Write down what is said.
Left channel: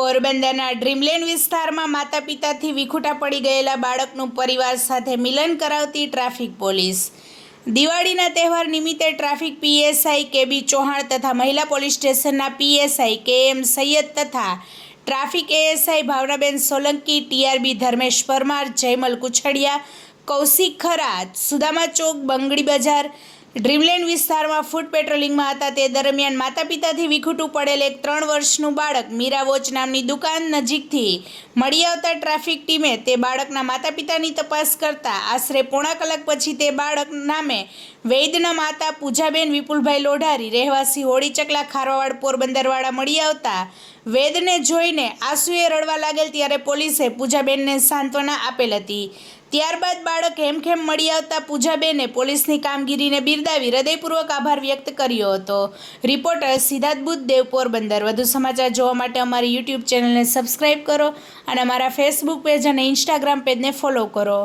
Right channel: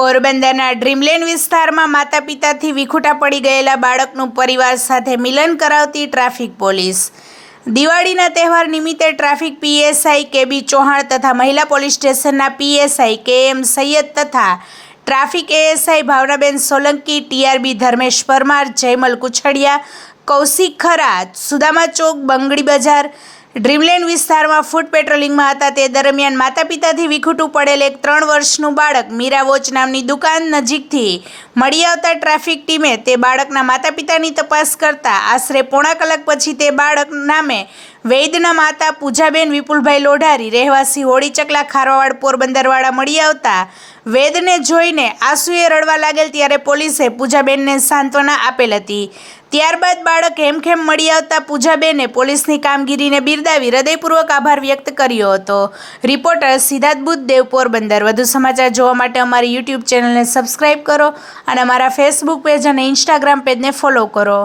પોરબંદરના ડ્રીમલેન્ડ વિસ્તારમાં માતા પિતાથી વિખૂટા પડી ગયેલા બાળકનું પરિવાર સાથે મિલન કરાવતી ટ્રાફિક પોલીસ। દિવાળીના તહેવાર નિમિત્તે ટ્રાફિક પીએસઆઈ કેબી ચૌહાણ તથા મહિલા પોલીસ સ્ટેશનના પીએસઆઈ કેએમ સૈયદ તથા traffic ASI Bhavnaben Solanki, TRB Dharmesh Parmar, Jaymal Kuchhadiya, Kaushik ખરા, સુદામા ચોક, બંગડી બજાર, ડ્રીમલેન્ડ વિસ્તારમાં ફૂટ પેટ્રોલિંગમાં હતા। તે દરમિયાન માતા પિતાથી વિખૂટું પડેલ એક 3 વર્ષનું બાળક મીરા વોચ નામની દુકાન નજીકથી મળી આવતા ટ્રાફિક ટીમે તે બાળકના માતા પિતાની તપાસ કરતા આશરે પોણા કલાક પછી તે બાળક નામે વૈદના માતા પૂજાબેન વિપુલભાઈ લોઢારી રહેવાસી હોળી ચકલા ખારવાવાડ પોરબંદરવાળા મળી આવતા વૈદને જોઈને આંસુએ રડવા લાગેલ, ત્યારે પોલીસે પૂજાબેનને સાંત્વના આપેલ હતી। ત્યારબાદ બાળક હેમખેમ મળી આવતા પૂજાબેને પોલીસની કામગીરીને બિરદાવી હૃદયપૂર્વક આભાર વ્યક્ત કર્યો હતો। રિપોર્ટર સિદ્ધાર્થ બુદ્ધદેવ, પોરબંદર। વધુ સમાચાર જોવા માટે અમારી યુટ્યુબ ચેનલને સબસ્ક્રાઈબ કરો અને અમારા ફેસબુક પેજ અને ઇન્સ્ટાગ્રામ પેજને ફોલો કરો।